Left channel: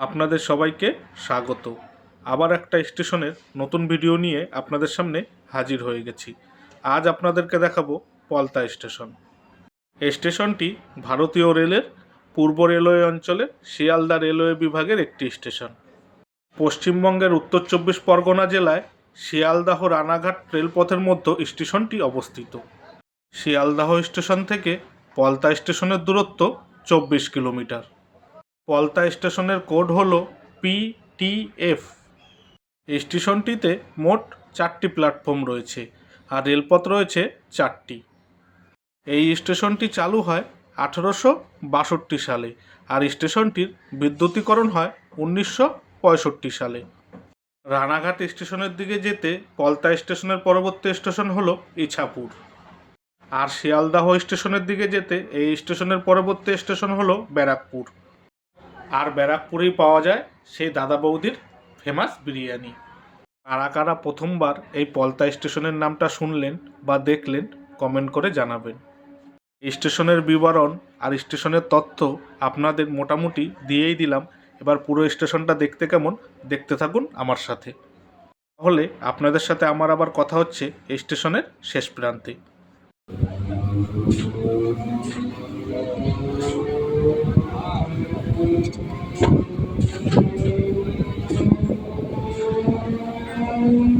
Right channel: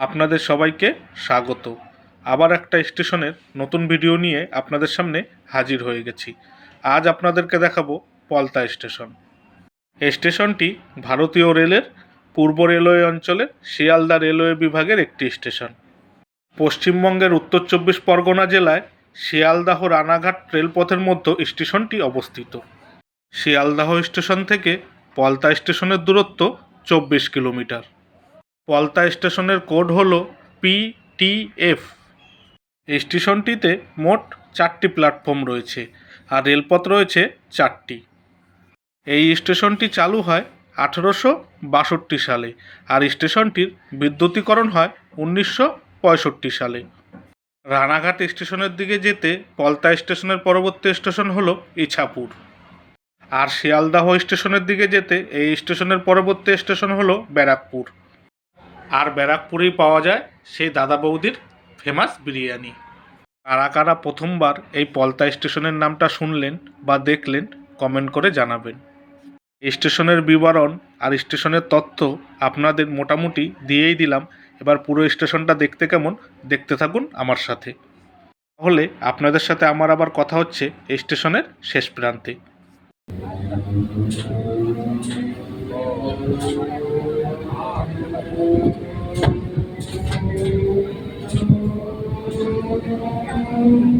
আপনাদের সবাইকে স্বাগত। আবার একটা স্টেশনের নতুন ভিডিও নিয়ে আপনাদের সামনে হাজির হয়ে গেছি। আজ আপনাদেরকে দেখাবো পলতা স্টেশন। এই স্টেশনটি ভারতীয় রেলের পূর্ব রেলওয়ে অঞ্চলের শিয়ালদা রেলওয়ে বিভাগের একটি স্টেশন। পশ্চিমবঙ্গের উত্তর চব্বিশ পরগনা জেলায় শিয়ালদাহ রানাঘাট রেলপথের মধ্যে স্টেশনটি অবস্থিত। শিয়ালদাহ স্টেশন থেকে পলতা স্টেশনের দূরত্ব চব্বিশ কিলোমিটার। পলতা স্টেশনের কোড হল পিটিএফ স্টেশনটিতে মোট চারটি প্ল্যাটফর্ম রয়েছে আর রেলপথ রয়েছে চারটি। এই স্টেশনটি চালু হয় আঠেরোশো বাষট্টি সালে আর স্টেশনটির বিদ্যুতীকরণ হয় উনিশশো পঁয়ষট্টি সালে। রানাঘাট স্টেশনের দিকে যেতে পলতা স্টেশনের পরবর্তী স্টেশন হলো ইছাপুর। আর শিয়ালদাহ স্টেশনের দিকে যেতে এই স্টেশনের পরবর্তী স্টেশন হলো ব্যারাকপুর। আর ব্যারাকপুরেই পাওয়া যায় সেই দাদা বৌদির ফেমাস বিরিয়ানি। কারা কারা প্রথমবার এই পলতা স্টেশনের নামটা শুনলেন বা দেখলেন কমেন্ট করে জানাবেন। স্টেশনের বিবরণ আর স্টেশনের তথ্য আপনাদের মোটামুটি দিয়েই দিলাম। এবার পুরো স্টেশনটা দেখতে কেমন, দেখতে থাকুন আমার সাথে। তাহলে আপনাদের সাথে আমার আবার কথা হচ্ছে স্টেশনের শেষ প্রান্তে। Bye.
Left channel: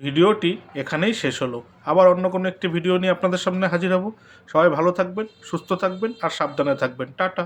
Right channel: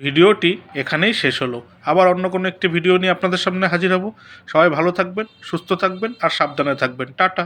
ভিডিওটি এখানেই শেষ হলো। আবার অন্য কোনো একটি ভিডিও নিয়ে আপনাদের সামনে হাজির হব। সবাই ভালো থাকবেন, সুস্থ থাকবেন আর সাবধানে থাকবেন। টাটা।